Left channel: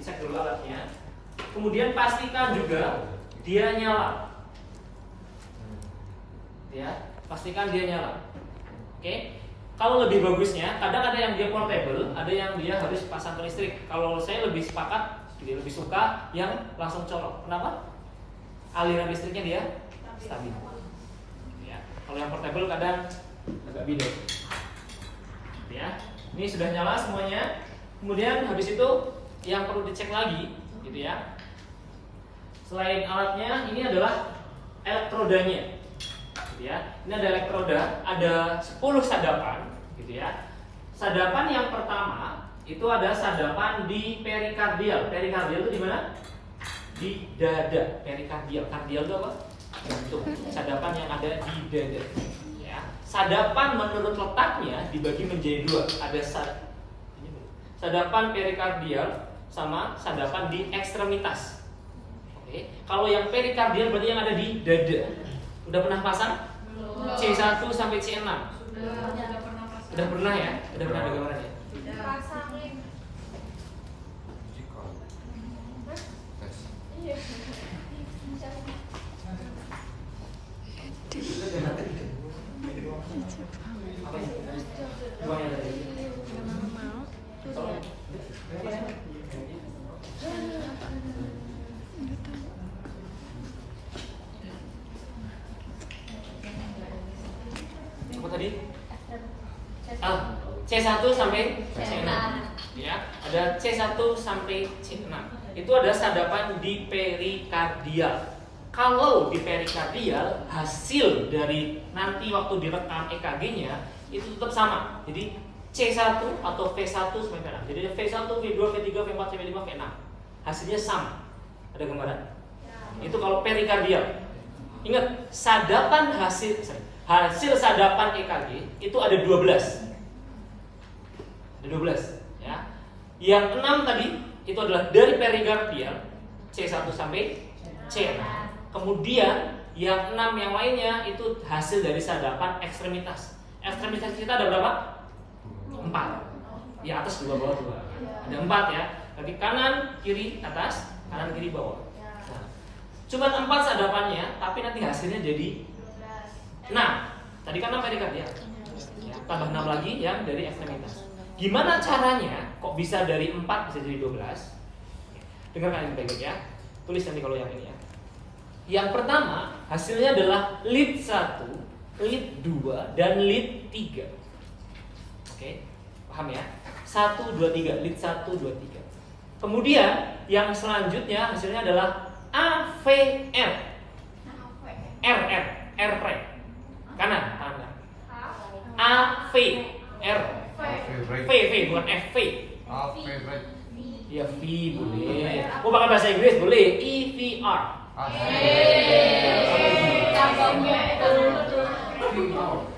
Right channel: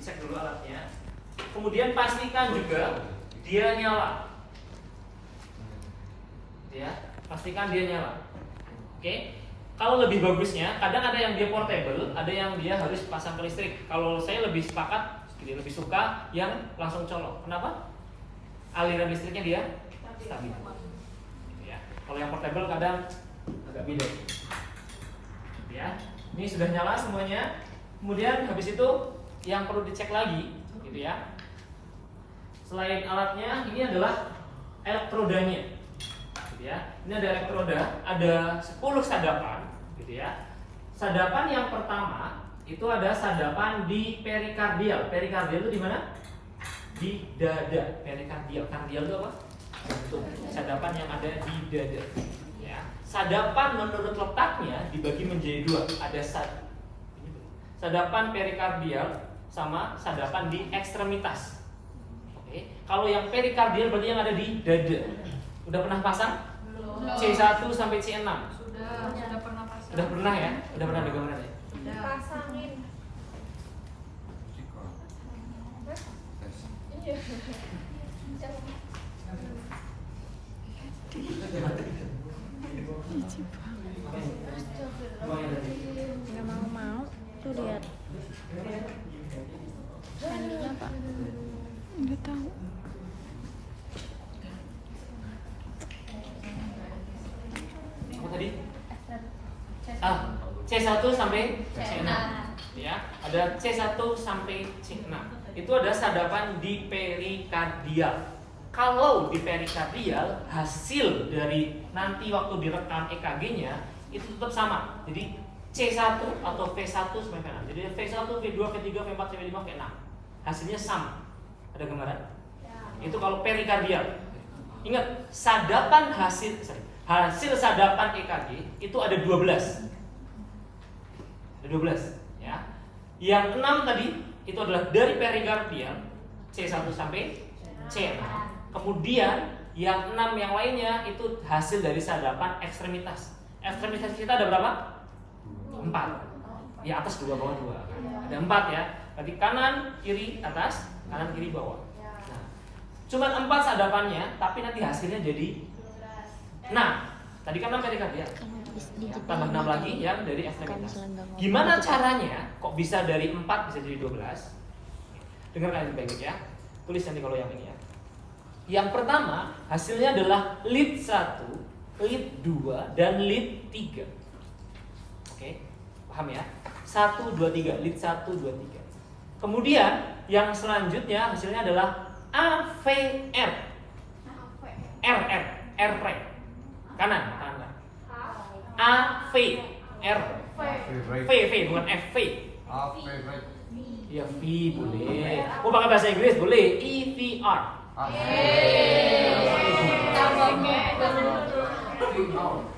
dicek dulu alatnya. Kemudian pastikan juga dia nyala. Ya, pastikan dia nyala. Oke. Kalau lebih bagusnya, kadang ada yang dia portable, ada yang dia harus pasang ke listrik. Kalau saya lebih sepakat, lebih suka yang langsung colok. Kenapa? Aliran listriknya dia stabil. Ya. Kalau yang portable kadang agak beda. Ya, ini sudah nyala semuanya. Kemudian habis itu yang perlu dicek lagi, gitu ya. Selain alatnya, ini adalah elektrodanya, gitu ya. Ini ada elektroda, ada 10 sadapan, gitu ya. Sadapan yang pertama itu ada sadapan di perikardial. Perikardial itu di mana? Di dada. Perikardial. Kardial itu apa? Jantung. Sadapan yang ada di dada. Sadapan menurut letaknya dibagi menjadi dua. Ada sadapan perikardial sama sadapan di ekstremitas. Oke. Kalau yang perikardial berarti yang ada di dada. Udah pernah pasang? C1 sampai C6. Udah pernah ya? Udah pernah ada gambaran ya? Pasangin. Apa tadi? C1 sampai C6. Ya, ada C1 sampai C6. Itu ada sadapan di perikardial. Kalau di perikardial, hasil dari nanti waktu direkam EKG-nya itu tetap sama. Jadi C1 atau V1 sampai V6. Jadi V1, V2, V3, V4, V5, V6. Hasilnya sama. Ada gambaran? Itu kalau perikardial. Ingat, sadapan hasil sadapan EKG itu ada 12. Ada 12, ya. Yang 6 tadi itu adalah dari perikardial C1 sampai C6. Kemudian yang 6 yang lainnya itu hasil dari sadapan ekstremitas. Ekstremitas kita ada berapa? 4. Ya, atas 2, bawah 2. Ada 4 ya. Tadi kanan, kiri, atas, kanan, kiri, bawah. Nah, cuman 4 sadapannya, tapi nanti hasilnya jadi 6. Tadi kan 6 perikardial. Ya, tambah 6 lagi yang dari ekstremitas. Gimana caranya kok bisa dari 4 bisa jadi 12? Dengarkan baik-baik ya. Tulis nanti kalau yang ini ya. Yang pertama, hasilnya adalah lead 1, lead 2, dan lead 3. Oke, paham ya? 1, 2, 3, lead 1, 2, 3. Kemudian, yang selanjutnya hasilnya adalah AVR. R kanan, kanan. AVR. V, bukan FV. Ya, V boleh. Mau pakai bahasa Inggris boleh. EVR.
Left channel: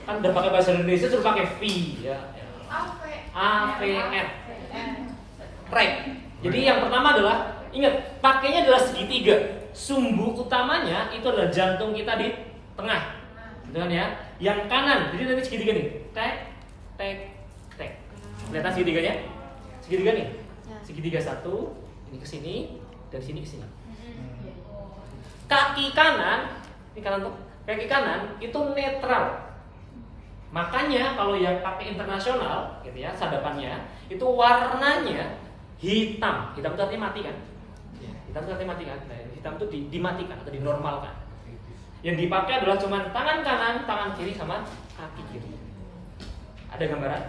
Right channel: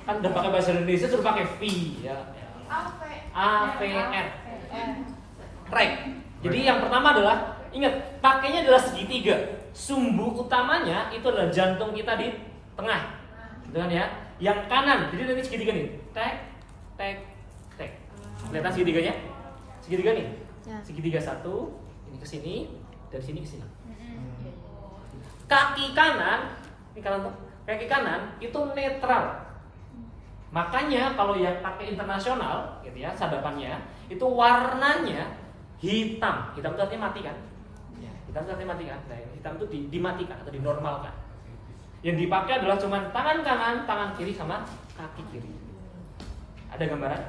Kan udah pakai bahasa Indonesia suruh pakai V ya. AVR. Rek. Jadi yang pertama adalah ingat, pakainya adalah segitiga. Sumbu utamanya itu adalah jantung kita di tengah. Gitu kan ya? Yang kanan, jadi nanti segitiga nih. Tek, tek, tek. Kelihatan segitiganya? Segitiga nih. Segitiga satu, ini ke sini, dari sini ke sini. Kaki kanan, ini kanan tuh. Kaki kanan itu netral. Makanya kalau yang pakai internasional, gitu ya, sadapannya itu warnanya hitam. Hitam itu artinya mati kan? Ya, hitam itu artinya mati kan? Nah, hitam itu dimatikan atau dinormalkan. Yang dipakai adalah cuma tangan kanan, tangan kiri sama kaki kiri. Ada gambaran?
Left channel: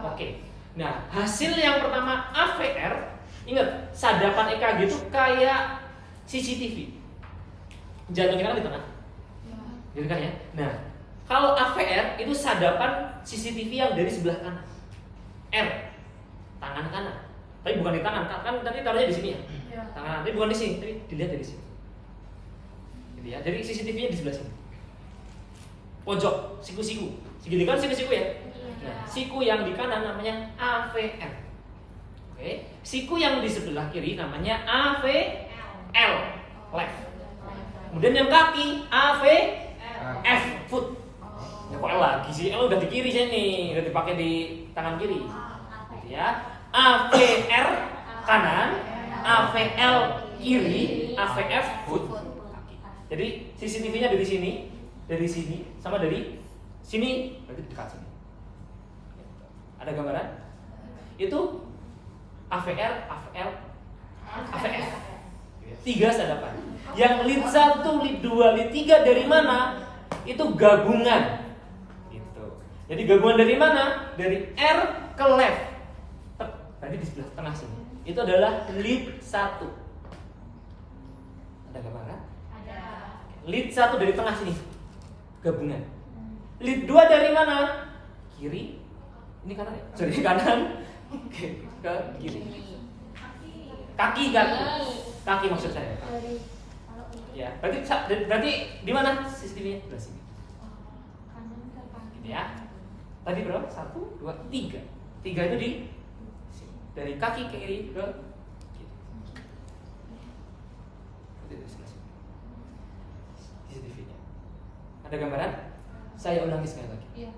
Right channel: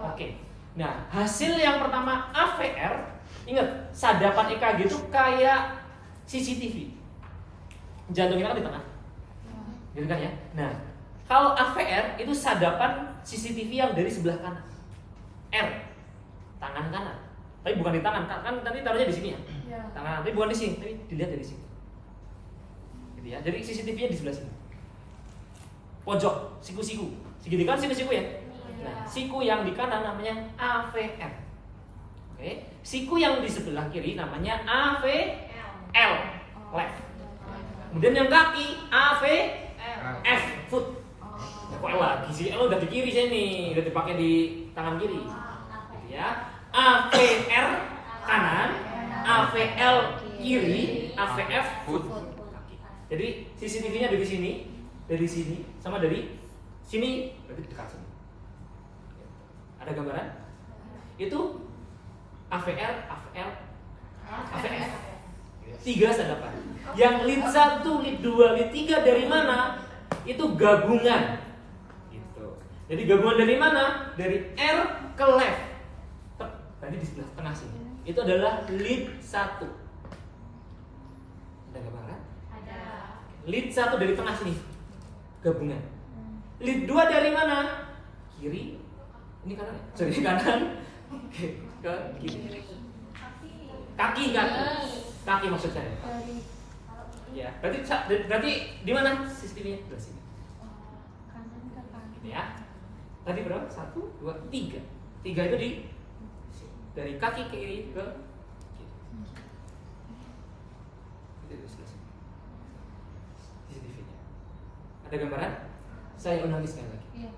Oke. Nah, hasil yang pertama AVR, ingat, sadapan EKG itu kayak CCTV. Jantung kita kan di tengah. Gitu kan ya? Nah, kalau AVR itu sadapan CCTV yang dari sebelah kanan. R, tangan kanan. Tapi bukan di tangan, kan nanti taruhnya di sini ya. Tangan, tapi bukan di sini, tapi dilihat dari sini. Gitu ya. Jadi CCTV-nya di sebelah sini. Pojok, siku-siku. Segitiga kan siku-siku ya. Nah, siku yang di kanan namanya AVR. Oke. Siku yang di sebelah kiri namanya AVL, left. Kemudian yang kaki AVF, foot. Ya kok L lagi sih? L udah di kiri sini, udah dipakai di tangan kiri. Gitu ya. AVR kanan, AVL kiri, AVF foot kaki. Jadi CCTV-nya dari sini, sama dari sini, berarti dekat sini. Ada gambaran? Itu AVL, AVL, AVF. 3 sadapan. Yang lead 1, lead 2, lead 3 dari mana? Itu gabungan. Gitu. Jadi gabungan dari mana? Dari R ke left. Tadi di sebelah tengah sini. Itu adalah lead 1. Ada gambaran? Ada. Lead 1 dari tengah sini. Gabungan. Lead 2 dari mana? Kiri. Ini kanan ya? Sorry, kanan. Ke kiri. Kaki maksud saya. Ya, berarti di mana sistemnya? Di sini. Gitu ya. Tadi berapa? 1, 2, 3. 3 itu dari kaki ke kiri ke kiri. Itu di sebelah sini. CCTV-nya. Ada gambaran? Saya ulangi sekali lagi. Iya.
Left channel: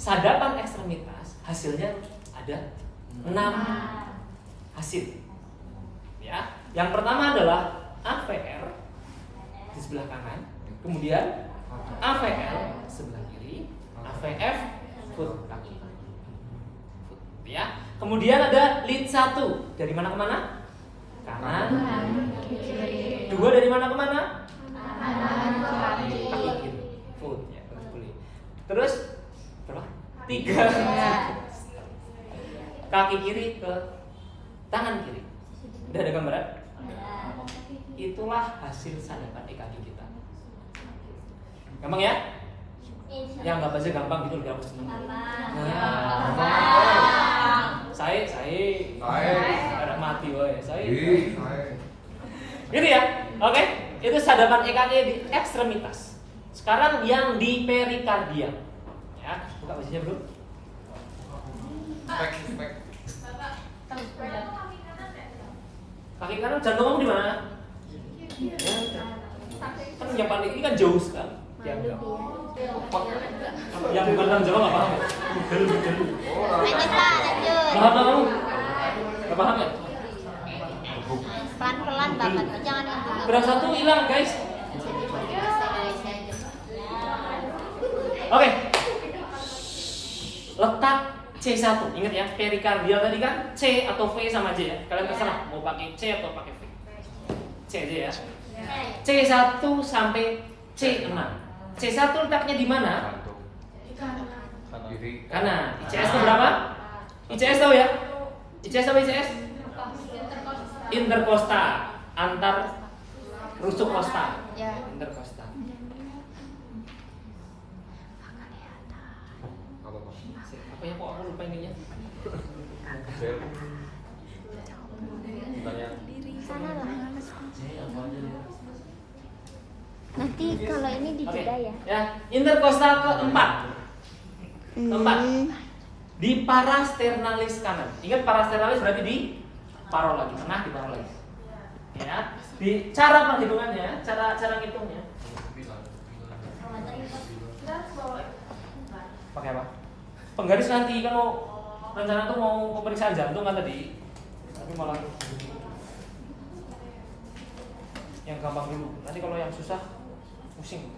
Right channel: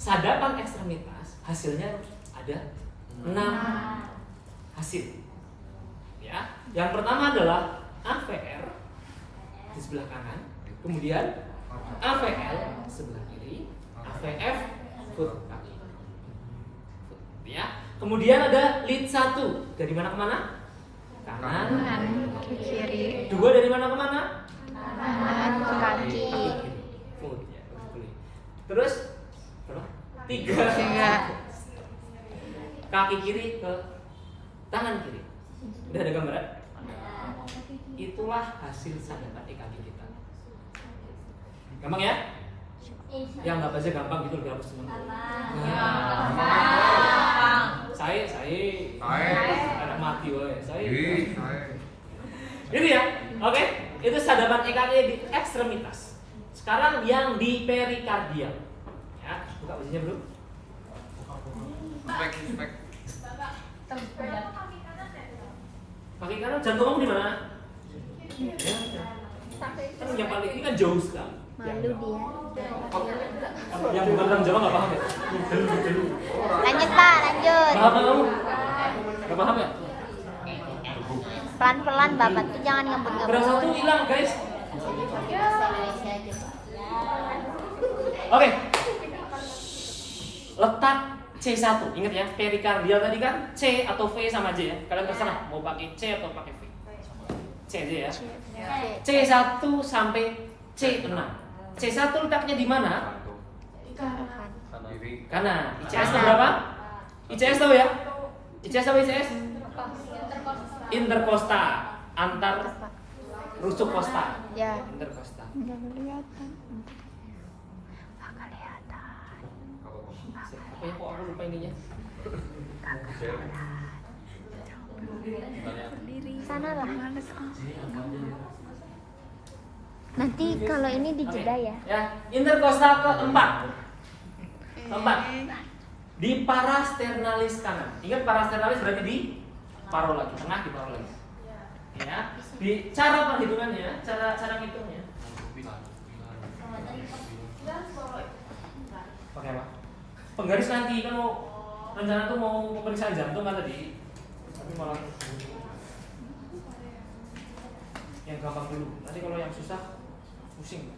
Sadapan ekstremitas hasilnya ada 6 hasil. Ya, yang pertama adalah AVR di sebelah kanan, kemudian AVL sebelah kiri, AVF foot kaki. Ya, kemudian ada lead 1 dari mana ke mana? Kanan ke kiri. 2 dari mana ke mana? Kanan ke kaki kiri. Foot ya, terus berapa? 3. Kaki kiri ke tangan kiri. Udah ada gambaran? Itulah hasil sadapan EKG kita. Gampang ya? Yang nggak baca gampang gitu udah aku seneng. Saya anak mati woy. Saya. Ini ya. Oke, itu sadapan EKG di ekstremitas. Sekarang yang di perikardial. Ya, buka bajunya bro. Kaki kanan jantung kamu di mana? Ya, kan yang paling ini kan jauh sekali. Yang bukan orang Jawa nggak paham ya? Lanjut Pak, lanjut. Paham nggak kamu? Nggak paham ya? Pelan-pelan Bapak tuh jangan yang begitu. Berat 1 hilang guys. Jadi pakai bahasa Indonesia aja. Oke. Letak C1. Ingat ya, perikardial tadi kan C atau V sama J ya. Kalian terserah mau pakai C atau pakai V. C aja ya. C1 sampai C6. C1 letaknya di mana? Kanan. ICS itu berapa? ICS tahu ya? ICS apa ICS? Interkosta, antar rusuk kosta. Interkosta. Apa ya kok aku lupa ininya? Nanti kalau ini dikira ya. Ya, interkosta keempat. Keempat. Di parasternalis kanan. Ingat parasternalis berarti di paro lagi, tengah di paro lagi. Ya, di cara penghitungannya, cara ngitungnya. Pakai apa? Penggaris nanti kan mau rencana tuh mau pemeriksaan jantung kan tadi. Tapi malah yang gampang dulu. Nanti kalau yang susah pusing.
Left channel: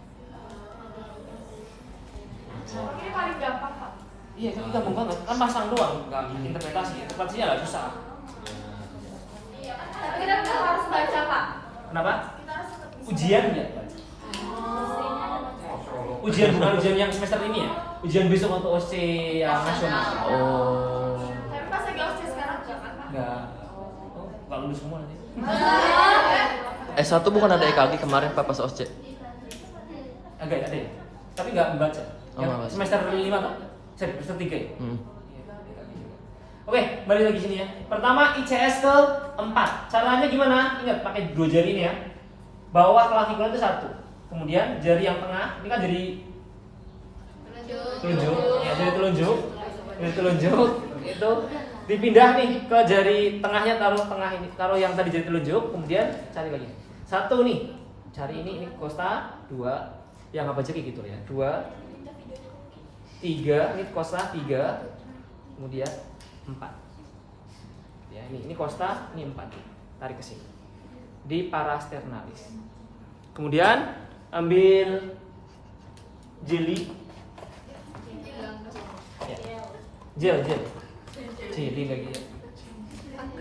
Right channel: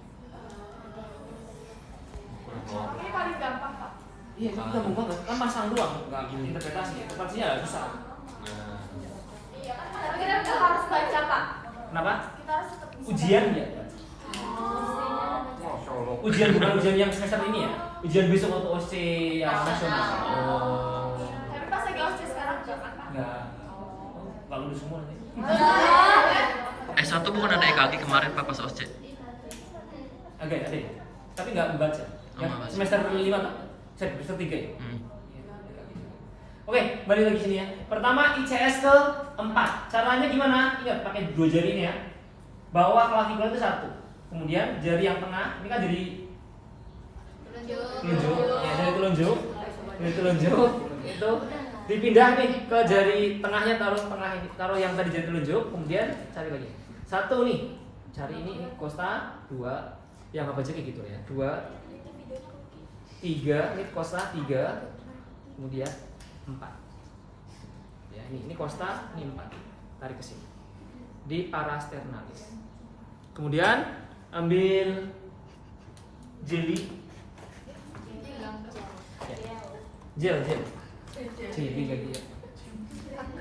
Ini paling gampang Pak. Iya, itu gampang banget. Kan pasang doang, enggak interpretasi. Interpretasinya nggak susah. Iya, tapi kita harus baca Pak. Kenapa? Kita harus tetap bisa. Ujian ya, baca. Ujian bukan ujian yang semester ini ya. Ujian besok untuk OC yang nasional. Oh. Tapi pas lagi OSCE sekarang jangan Pak. Enggak. Oh, enggak lulus semua nanti. S1 bukan ada EKG kemarin Pak pas OSCE? Agak ada ya. Tapi enggak membaca. Yang nggak baca. semester 5 kan? Semester 3 ya? Hmm. Oke, balik lagi sini ya. Pertama ICS ke 4. Caranya gimana? Ingat pakai 2 jari ini ya. Bawah klavikula itu 1. Kemudian jari yang tengah, ini kan jari telunjuk. Ya, jari telunjuk. Jari telunjuk itu dipindah nih ke jari tengahnya, taruh tengah ini, taruh yang tadi jari telunjuk, kemudian cari lagi. 1 nih. Cari ini kosta, 2. Yang apa aja kayak gitu ya. 2 3, ini kosta 3. Kemudian 4. Ya. ini costa, ini 4. Tarik ke sini. Di parasternalis. Kemudian ambil jeli. Ya. Jeli lagi ya.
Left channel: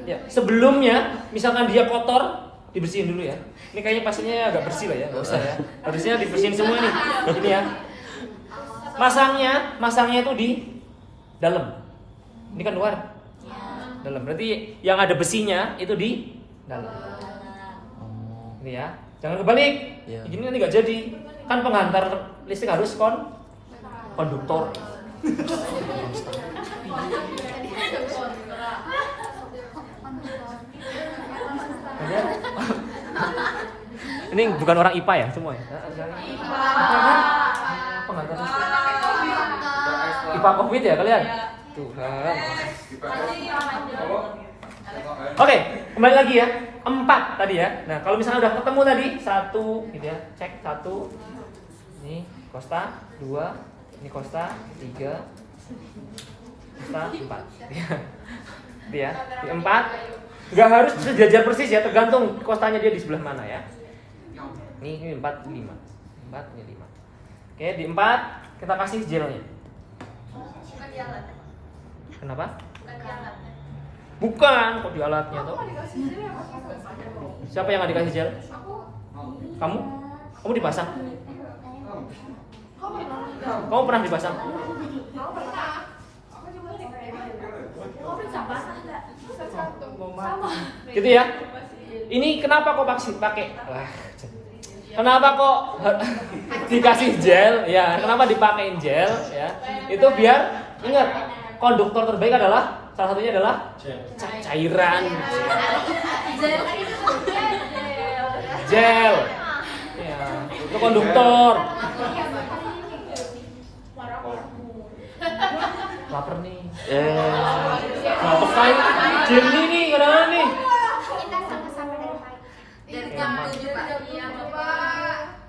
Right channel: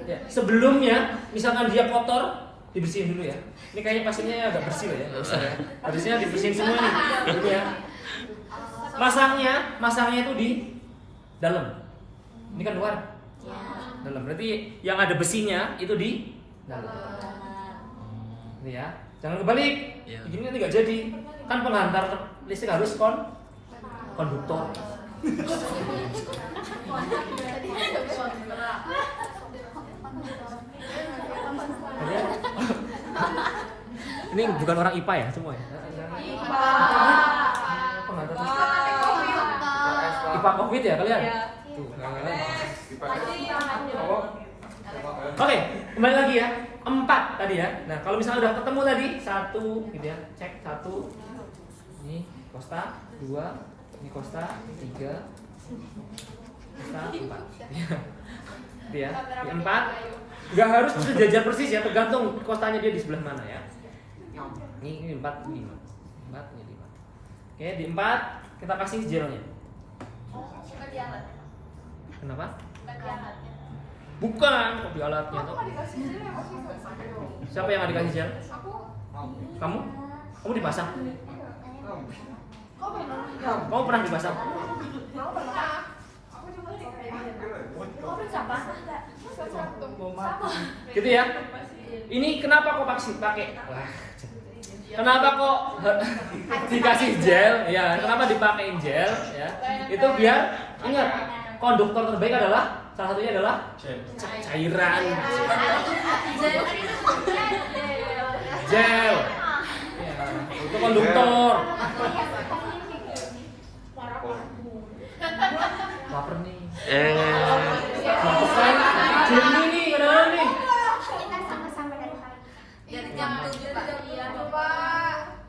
Ya, sebelumnya misalkan dia kotor, dibersihin dulu ya. Ini kayaknya pasiennya agak bersih lah ya, nggak usah ya. Harusnya dibersihin semua ini. Ini ya. Masangnya itu di dalam. Ini kan luar. Dalam. Berarti yang ada besinya itu di dalam. Ini ya. Jangan kebalik. Iya. Begini nanti nggak jadi. Kan penghantar listrik harus konduktor. Kalian ini bukan orang IPA ya semua ya? IPA kan? Penghantar listrik. IPA COVID ya kalian? Tuh kan. Oke, kembali lagi ya. 4 tadi ya. Nah, kalau misalnya udah ketemu tadi 1 gitu ya. Cek 1. Ini costa 2, ini costa 3. Costa 4. Itu ya. Di 4 enggak harus sejajar persis ya, tergantung costanya dia di sebelah mana ya. Ini 4, 5. 4, ini 5. Oke, di 4 kita kasih gelnya. Kenapa? Bukan, kok di alatnya tuh. Siapa yang nggak dikasih gel? Kamu? Kamu dipasang? Kamu pernah dipasang? Gitu ya. Ini kenapa kok pakai? Kenapa kok dikasih gel? Ya, kenapa dipakein gel? Ya, itu biar ingat konduktor terbaik adalah salah satunya adalah cairan gel. Ya, itu konduktor. Laper nih. Pakai gel ini nih, kadang-kadang nih.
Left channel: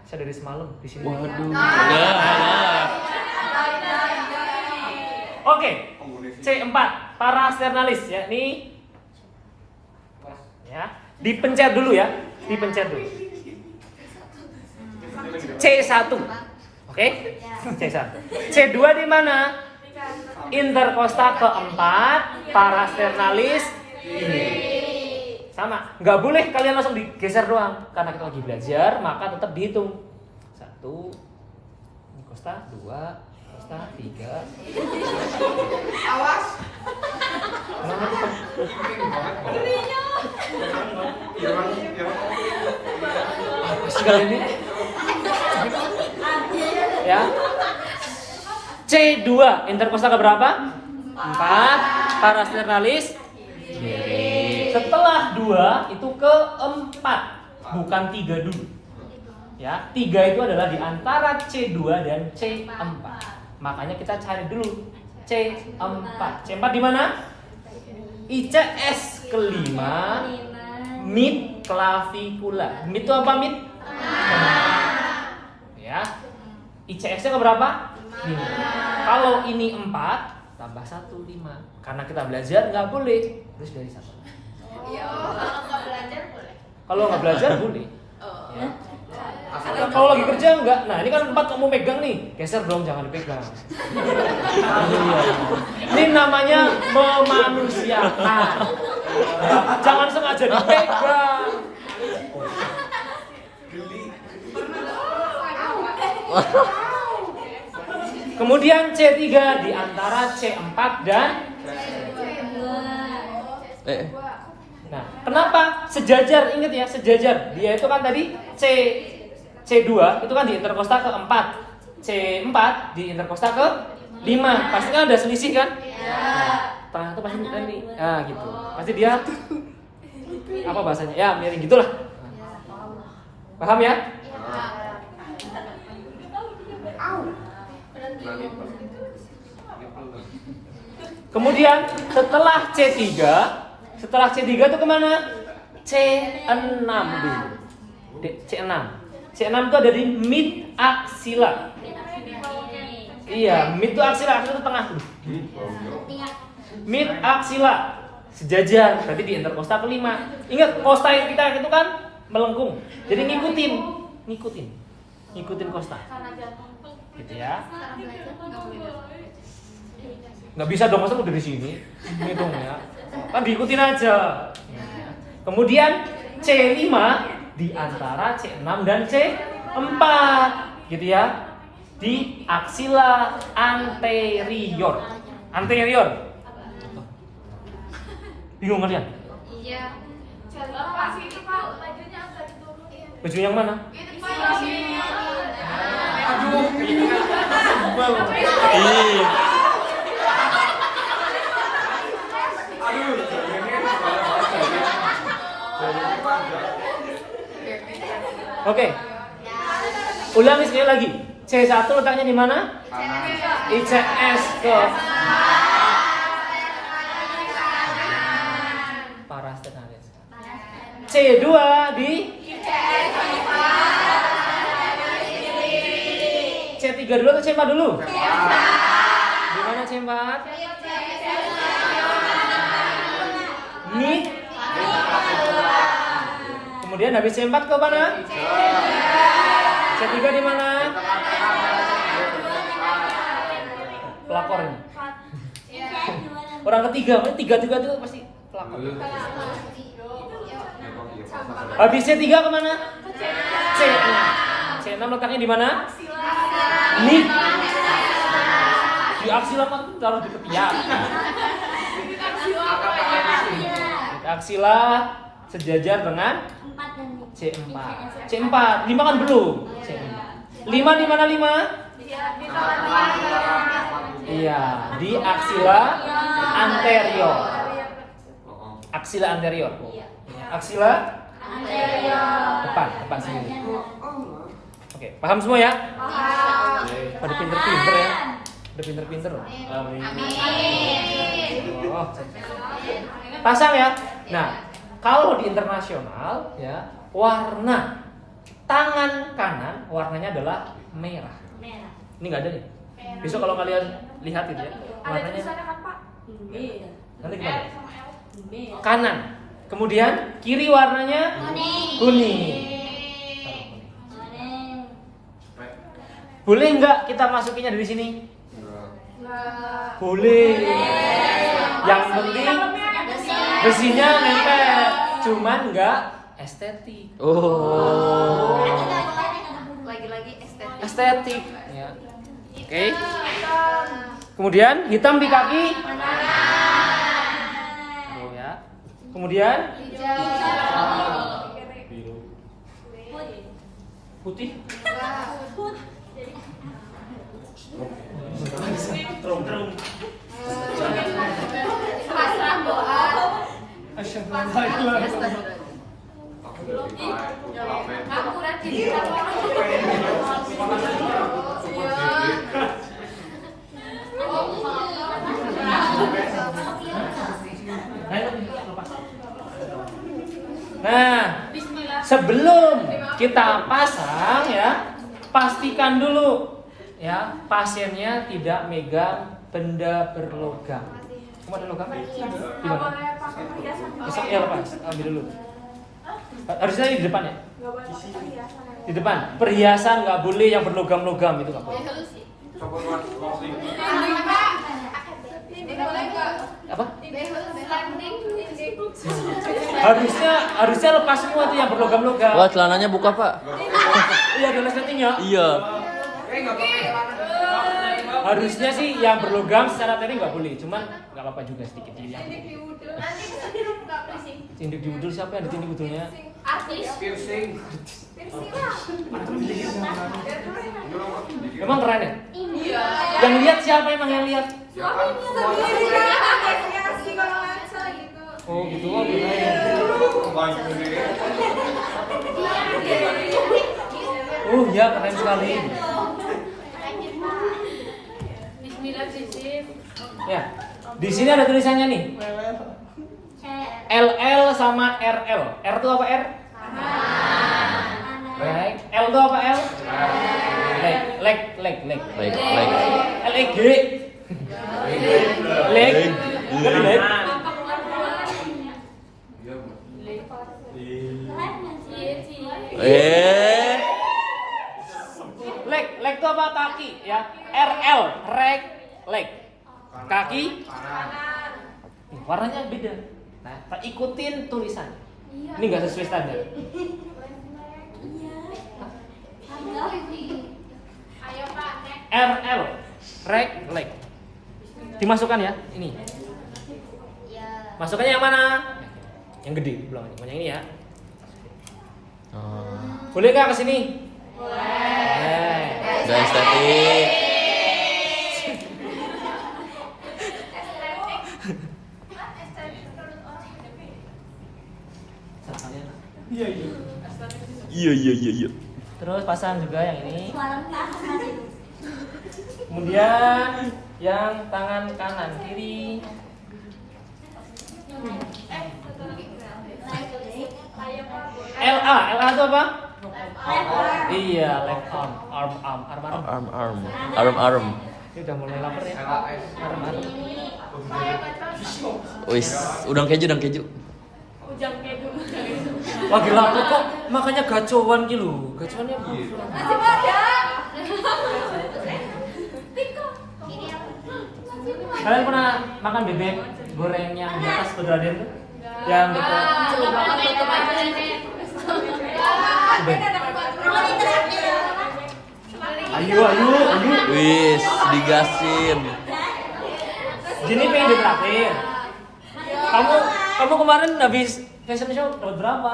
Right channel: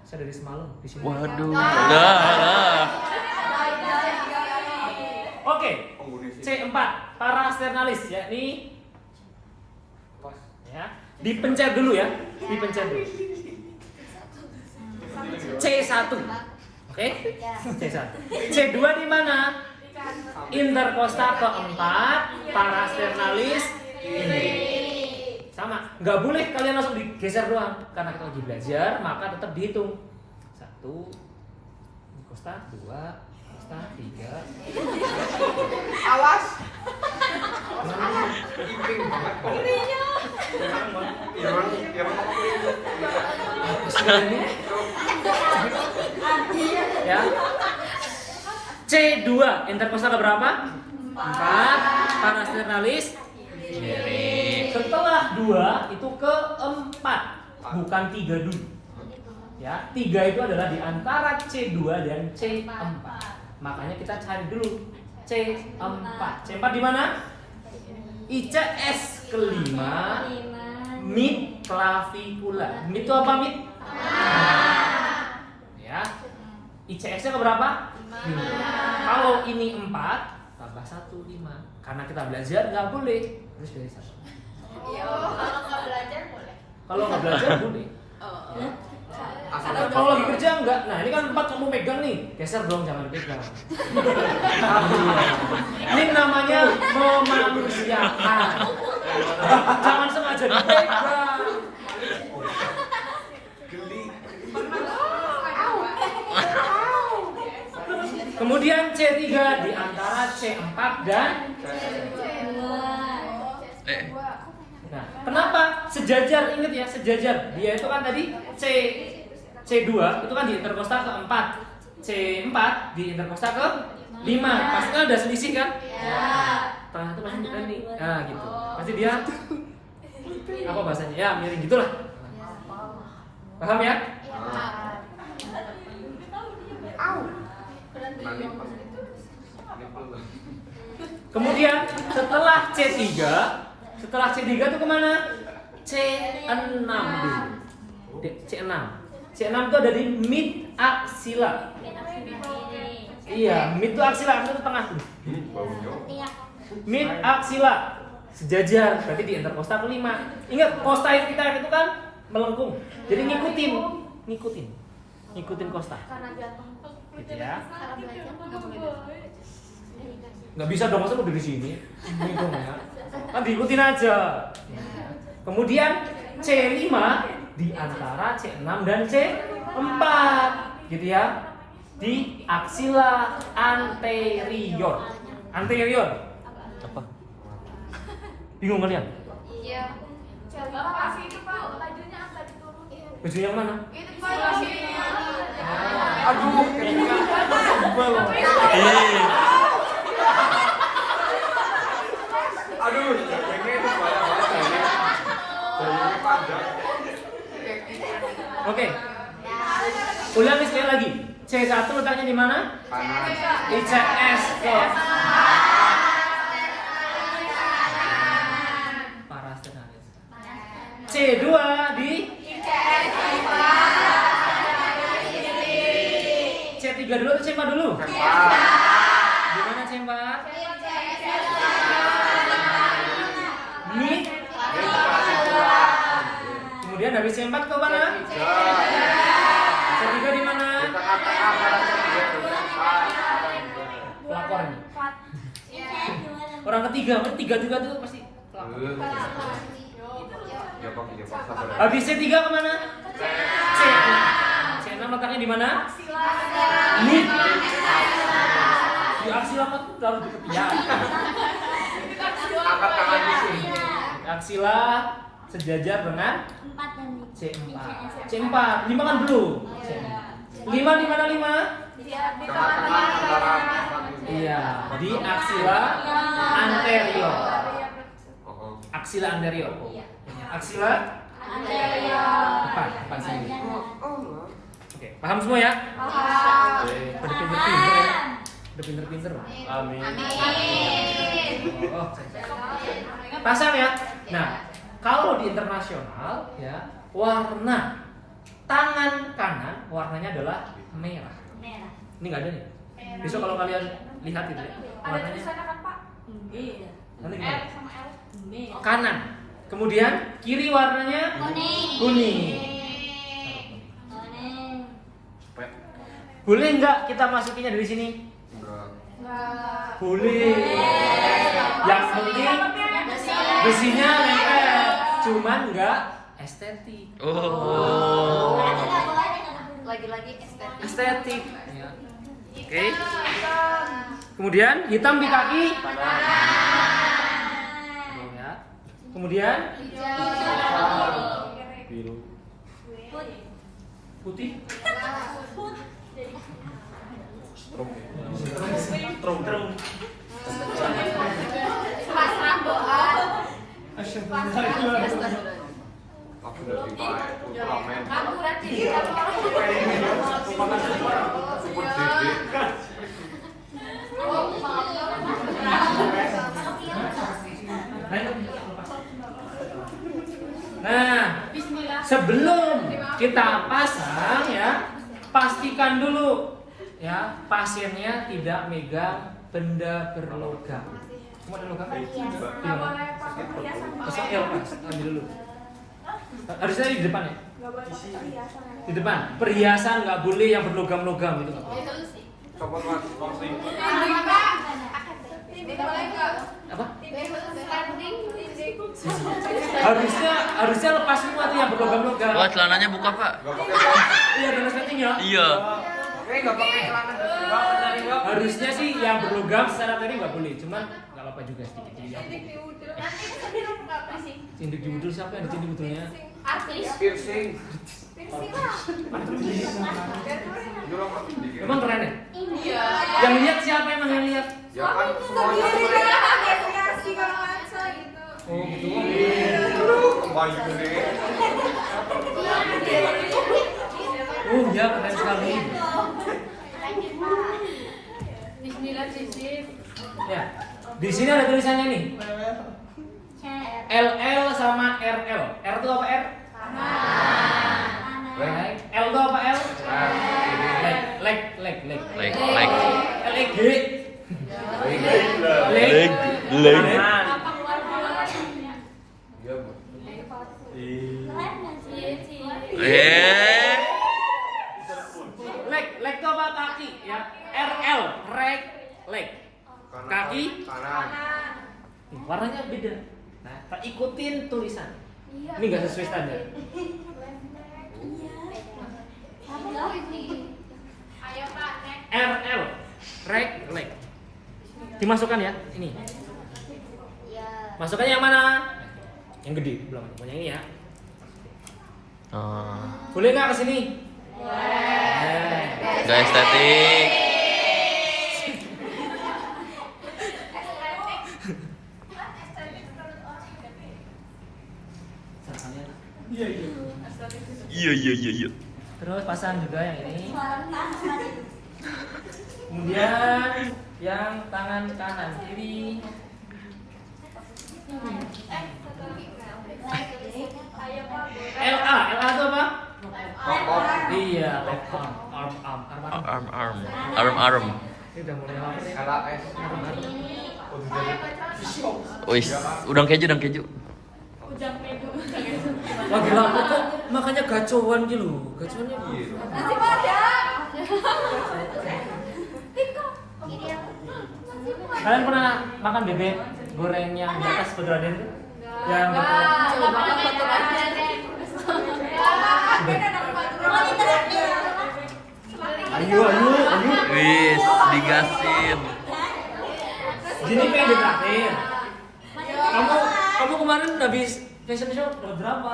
Saya dari semalam di sini. Waduh, enggak. Oke, C4 parasternalis ya. Ini ya, dipencet dulu ya. Dipencet dulu. C1. Oke? C1. C2 di mana? Interkosta keempat, parasternalis ini. Sama, nggak boleh kalian langsung digeser doang karena kita lagi belajar, maka tetap dihitung. 1 ini costa, 2 costa, 3. Awas. Apa sih kali ini? Ya. C2 interkosta ke berapa? 4 parasternalis. Setelah 2 itu ke 4, bukan 3 dulu. Ya, 3 itu adalah di antara C2 dan C4. Makanya kita cari dulu C4. C4 di mana? ICS kelima, mid clavicula. Mid itu apa mid? Ya. ICS-nya ke berapa? 5. Kalau ini 4 tambah 1, 5. Karena kita belajar nggak boleh terus dari 1. Kalau nggak belajar boleh. Ya. Kalau lagi kerja enggak. Nah, ini kan 4 kamu megang nih. Geser dong, jangan dipegang. Iya. Ini namanya memanusiakan. Jangan sengaja dipegang. Kemudian C3 di antara C4 dan Nah, kenapa sejajar? Ingat ya, sejajar. Dia itu kan tadi C2 itu kan di interkosta ke-4. C4 di interkosta ke-5. Pasti kan ada selisih kan? Nah, tengah itu pasti ganti. Nah, gitu. Pasti dia apa bahasanya? Ya, miring gitulah. Paham ya? Kemudian setelah C3 itu kemana? C6 dulu. C6 itu ada di mid axilla. Iya, mid itu axilla, axilla itu tengah dulu. Mid axilla. sejajar. Berarti di interkosta kelima. Ingat, kosta kita itu kan melengkung. Jadi ngikutin kosta. Gitu ya. Nggak bisa dong, masa udah di sini ngitungnya. Kan diikutin aja. Kemudian C5 di antara C6 dan C4. Gitu ya. Di aksila anterior. Anterior. Apa? Bingung kalian? Iya. Apa sih itu Pak? Bajunya apa itu? Baju yang mana? Itu Pak. Aduh. Sebel. Ih. Aduh. Oke. Ulangi sekali lagi. C1 letaknya di mana? ICS ke parastenalis. C2 di C3 dulu atau C4 dulu? Di mana C4? Ini. Kemudian habis C4 ke mana? C3 di mana? Pelakor ini. Orang ketiga, tiga itu pasti pelakor. Habis C3 kemana? C6. C6 letaknya di mana? Ini. Di aksila kan taruh di ketiak. Aksila sejajar dengan C4. C4. 5 kan belum. C5. 5 di mana 5? Iya, di aksila anterior. Aksila anterior. Aksila depan sendiri. Oke, paham semua ya? Ada pinter-pinter ya. Ada pinter-pinter. Amin. Oh. Pasang ya. Nah, kalau di internasional ya, warna tangan kanan warnanya adalah merah. Ini nggak ada nih. Besok kalau kalian lihat itu ya, warnanya nanti gimana? Kanan. Kemudian kiri warnanya kuning. Boleh nggak kita masukinnya dari sini? Boleh. Yang penting besinya nempel, cuman nggak estetik. Oh. Lagi-lagi estetik. Estetik. Ya. Oke. Kemudian hitam di kaki. Tuh ya. Kemudian putih. Nah, sebelum kita pasang ya, pastikan dulu ya pasiennya tidak megang benda berlogam. Cuma ada logam? Di mana? Besoknya lepas, ambil dulu. Harusnya di depan ya? Di depan. Perhiasan nggak boleh yang berlogam-logam, itu nggak boleh. Apa? Harusnya lepas semua tuh yang berlogam-logam. Wah, celananya buka, Pak. Iya, ada settingnya. Iya. Harusnya sih yang berlogam secara teori nggak boleh, cuman nggak apa-apa juga sedikit dilihat. Cindik di udul siapa yang ada cindik udulnya? Artis. Piercing. Emang keren ya? Iya. Yang lihat siapa emang yang lihat? Oh gitu. Oh ya, keren sekali. Ya, di sini ada tulisannya nih. LL sama RL. R itu apa R? Right. L itu apa L? Leg. Leg. LEG. Leg. Leg. Leg itu apa? Kaki ya. RL, reg, leg. Kaki. Nih, warnanya beda. Nah, ikutin tulisan. Ini nggak sesuai standar. RL, reg, leg. Dimasukkan ya, ini. Masukkannya yang mana? Yang gede, belum. Yang ini ya. Boleh nggak kesini? Boleh. Gak estetik. Iya. Terus pasang juga yang ini. Kemudian yang tangan kanan kiri. LA itu apa? Iya, left arm. Ini udah mulai lapar ya. Arm. Wis, udang keju. Lagi lapar kok, makanya gacoan gitu. Gacoannya apa? Kalian pernah makan bebek goreng yang di atas keberadaan tuh? Yang gitu. Ayo. Wis, digasin. Gini pengen ditraktir. Kamu kemarin habis fashion show berapa?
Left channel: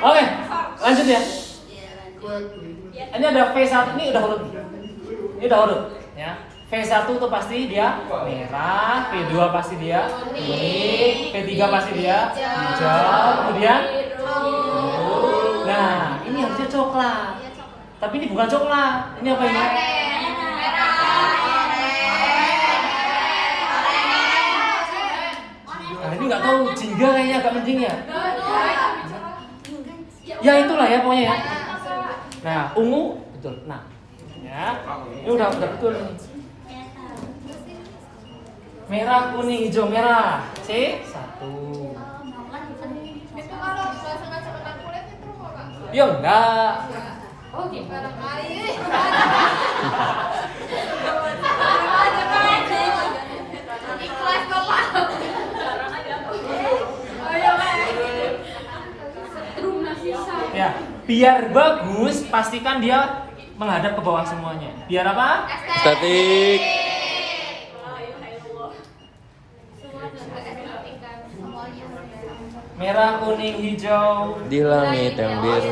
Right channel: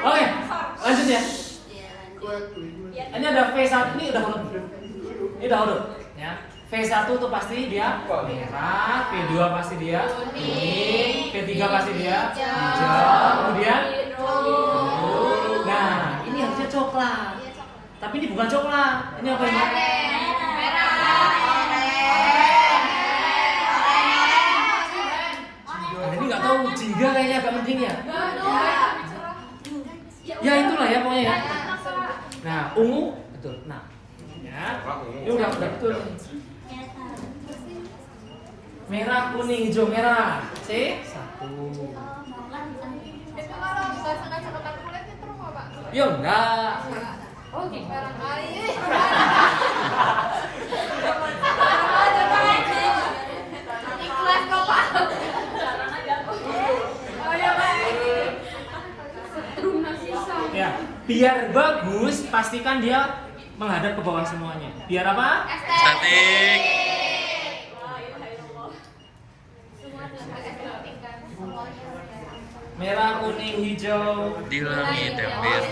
Oke, lanjut ya. Ini ada V1, ini udah huruf. Ya. V1 tuh pasti dia merah, V2 pasti dia kuning, V3 pasti dia hijau, kemudian nah, ini harusnya coklat. Tapi ini bukan coklat. Ini apa ini? Nah, ini nggak tahu, jingga kayaknya agak penting ya. Ya itulah ya pokoknya ya. Nah, ungu betul. Nah, ya. Ini udah betul nih. Merah, kuning, hijau, merah. C1. Ya enggak. Ya, biar bagus, pastikan dia menghadap ke bawah semuanya. Biar apa? Estetik. Merah, kuning, hijau Di langit yang biru.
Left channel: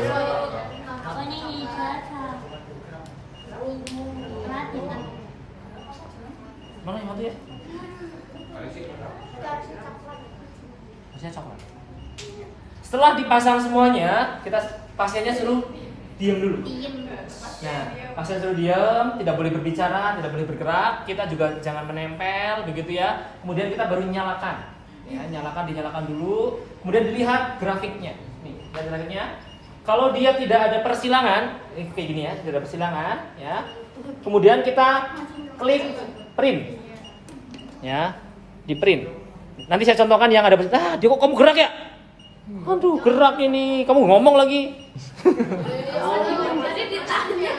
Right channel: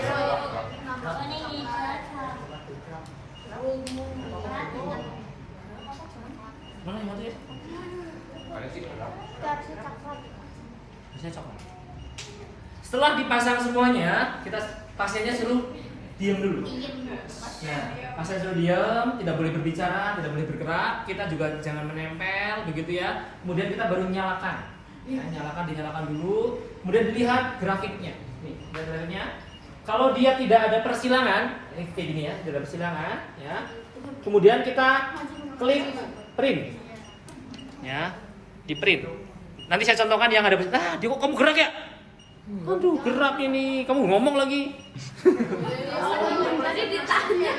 Mana yang satu ya? Harusnya coklat. Setelah dipasang semuanya, kita pasiennya suruh diam dulu. Nah, pasien suruh diam, tidak boleh berbicara, tidak boleh bergerak. Kita juga jangan menempel, begitu ya. Kemudian kita baru nyalakan. Ya, dinyalakan dulu. Kemudian dilihat grafiknya. Nih, lihat grafiknya. Kalau dia tidak ada persilangan, ini kayak gini ya, tidak ada persilangan, ya. Kemudian kita klik print. Ya, di print. Nanti saya contohkan yang ada dia kok kamu gerak ya? Aduh, gerak ini. Kamu ngomong lagi.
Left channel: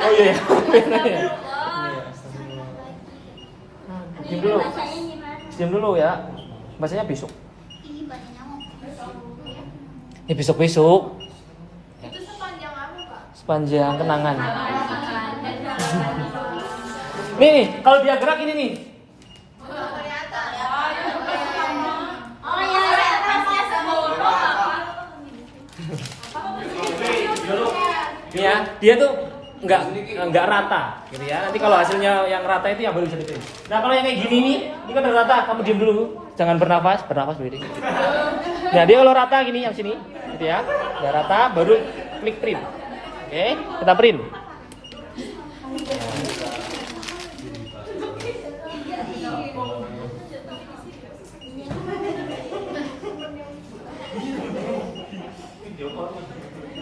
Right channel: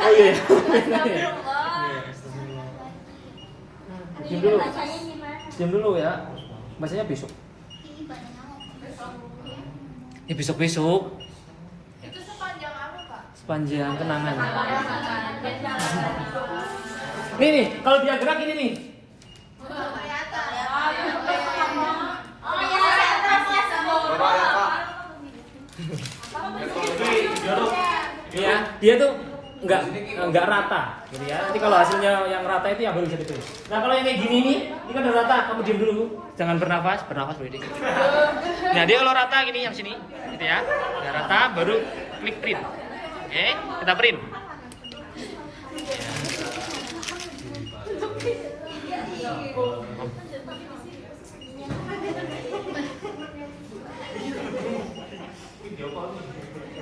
Oh iya. Diam dulu ya. Bacanya besok. Ini besok-besok. Itu sepanjang apa, Pak? Sepanjang kenangan. Nih, kalau dia gerak ini nih. Ya, dia tuh nggak rata, gitu ya. Nanti kalau hasilnya yang rata itu yang baru jadi pilih. Nah, kalau yang kayak gini nih, ini kan udah rata. Kamu diam dulu, jangan bernafas sendiri. Nah, dia kalau rata gini yang sini, gitu ya. Udah rata, baru klik print. Oke, kita print.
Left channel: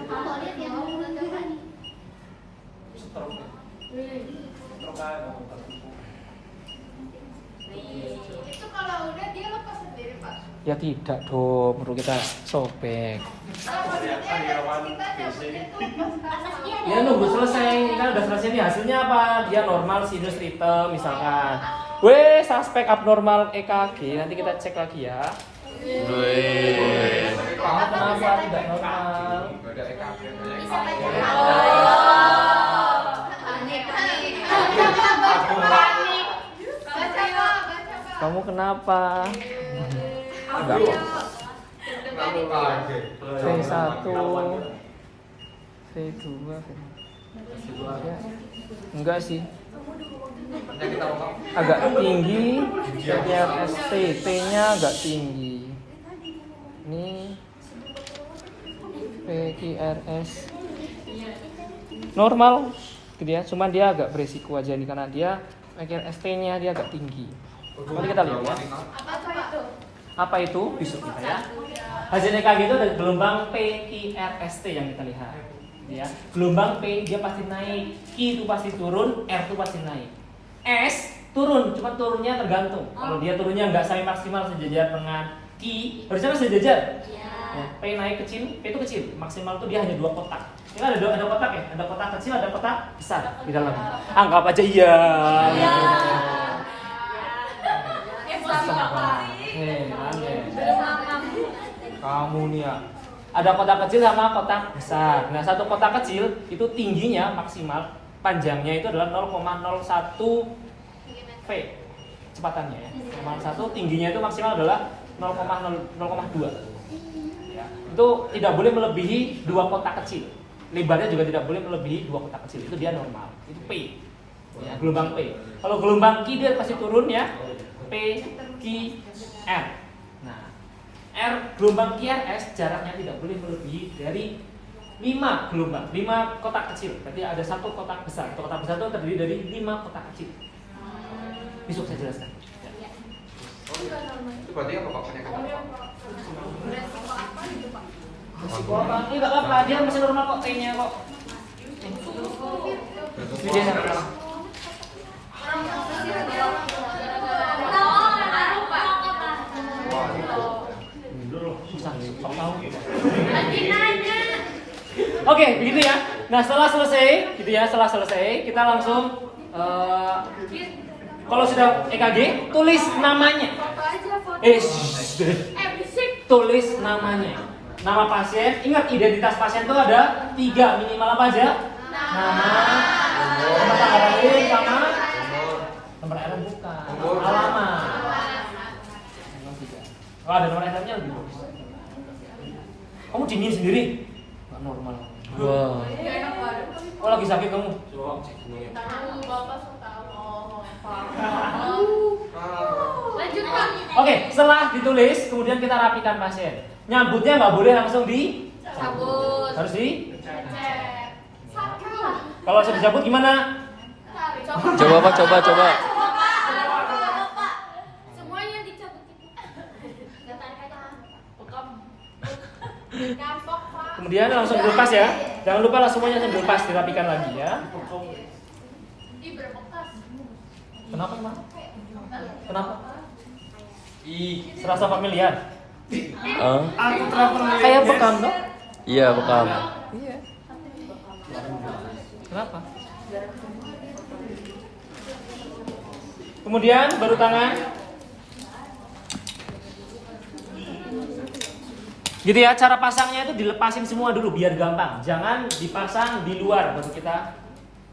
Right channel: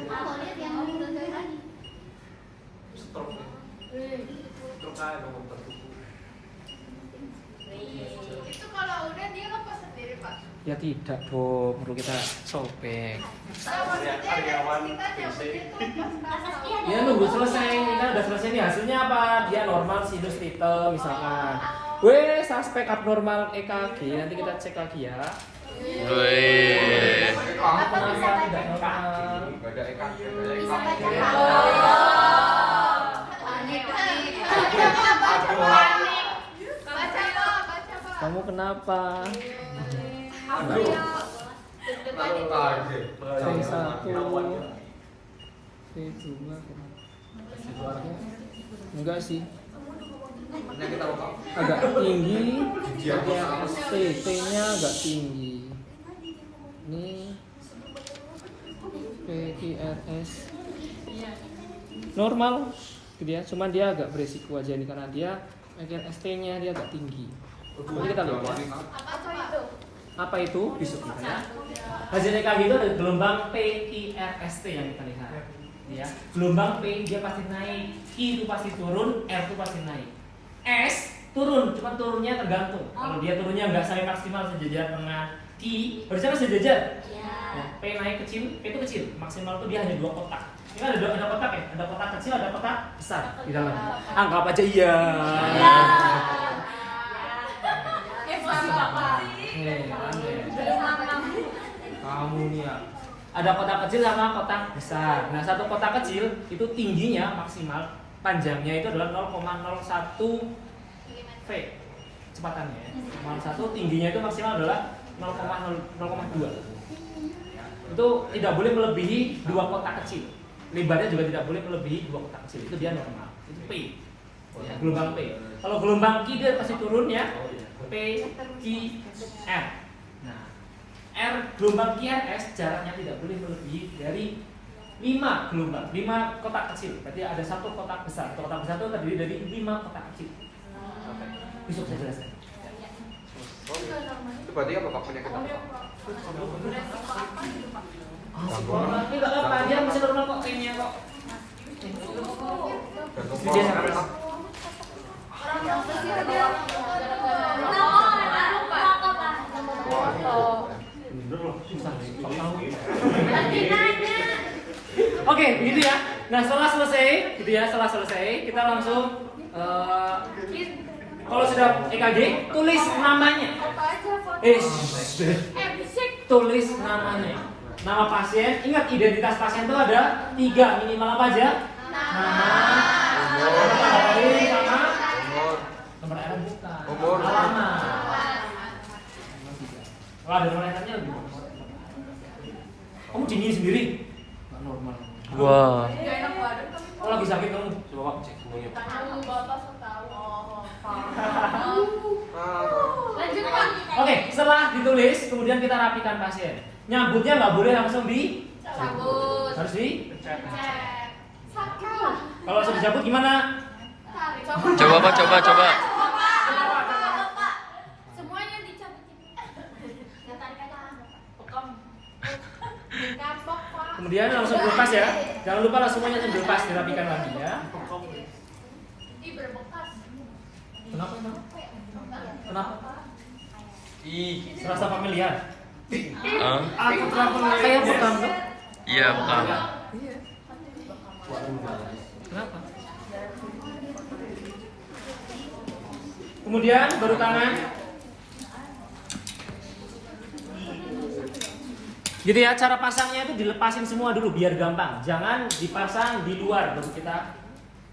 Mau lihat yang gambar. Itu kalau udah dia lepas sendiri, Pak. Ya tidak dong, perlu kita sobek. Karyawan Ya nunggu selesai, kita udah selesai nih hasilnya apa? Dia normal sinus ritem misalkan. Weh, suspek abnormal EKG, nanti kita cek lagi ya. Wih. Kamu kenapa tidak normal? Baca, Pak. Kamu kenapa? Enggak kok. V1 V2 enggak sih, agak tinggi. PQRST T-nya agak tinggi. Ini PQRS normal gitu ya, cuman dia agak beresiko aja nih karena dia PQRST-nya dia agak tinggi. Nanti kita lihat ya. Apa itu? Besok kita ya. Hasil EKG itu ada gelombang PQRST yang kita lihat. Ya, gelombang P dia pasti naik, Q itu pasti turun, R itu pasti naik. S turun, cuma turunnya tergantung. Kalau dia turunnya nggak sampai maksimal sejajar dengan Q, harusnya masih sejajar. Ya, P naik kecil, P itu kecil, maksimal itu dia hanya 2 kotak. Ini ada kotak ya, ada kotak kecil, ada kotak besar di dalamnya. Anggap aja iya. Kamu nih ya. Ada kotak kecil sama kotak besar. Nah, satu kotak kecil itu tingginya maksimal, panjangnya itu adalah 0,01 V kecepatannya ya. 0,1 tingginya itu maksimal adalah 0,2. Ya. Itu tidak boleh melebihi 2 kotak kecil. Lebarnya juga tidak boleh melebihi 2 kotak kecil. Itu dia normal. Itu P. Ya, gelombang P. Kalau gelombang Q dia pasti turun ya. P, Q, R. Nah, R gelombang QRS jaraknya tidak boleh melebihi dari 5 gelombang, 5 kotak kecil. Berarti ada 1 kotak besar. Kotak besar itu terdiri dari 5 kotak kecil. Besok saya jelaskan. Itu berarti apa Pak penyakit? Ini nggak apa-apa, dia masih normal kok T-nya kok. Dia sama. Susah, tahu. Oke, begitu ya. Nah, setelah selesai, gitu ya, kita langsung kalau sudah EKG, tulis namanya. Tulis namanya. Nama pasien, ingat identitas pasien itu ada 3 minimal apa aja? Nama, nomor tanggal lahir sama nomor RN bukan, alamat. Kalau ada nomor RN-nya lebih bagus. Kamu dingin sendiri? Nggak normal. Wah. Oh lagi sakit kamu? Coba cek punggungnya. Lanjut, Pak. Oke, setelah ditulis, kemudian kita rapikan pasien. Nyambutnya nggak boleh langsung Cabut. harus di. Sakit lah. Kalau langsung dicabut gimana? Coba Pak, coba. Semuanya dicabut. Ya tarik aja. Gampang, Pak. Kemudian langsung dilepas ya. Jangan lupa lah semuanya langsung dilepas, dirapikan lagi ya. Ih, berbekas. Kenapa? Serasa familiar. Ah, Aku kayak bekam loh. iya bekam. Iya. Kenapa? Kemudian baru tangan. Gitu ya, cara pasangnya itu dilepasin semua dulu biar gampang. Jangan dipasang di luar baru kita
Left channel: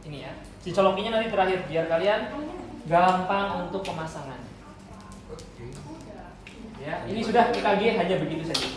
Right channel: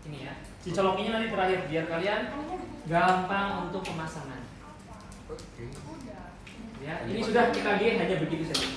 ini ya. Dicolokinnya nanti terakhir biar kalian gampang untuk pemasangan. Ya, ini sudah EKG hanya begitu saja.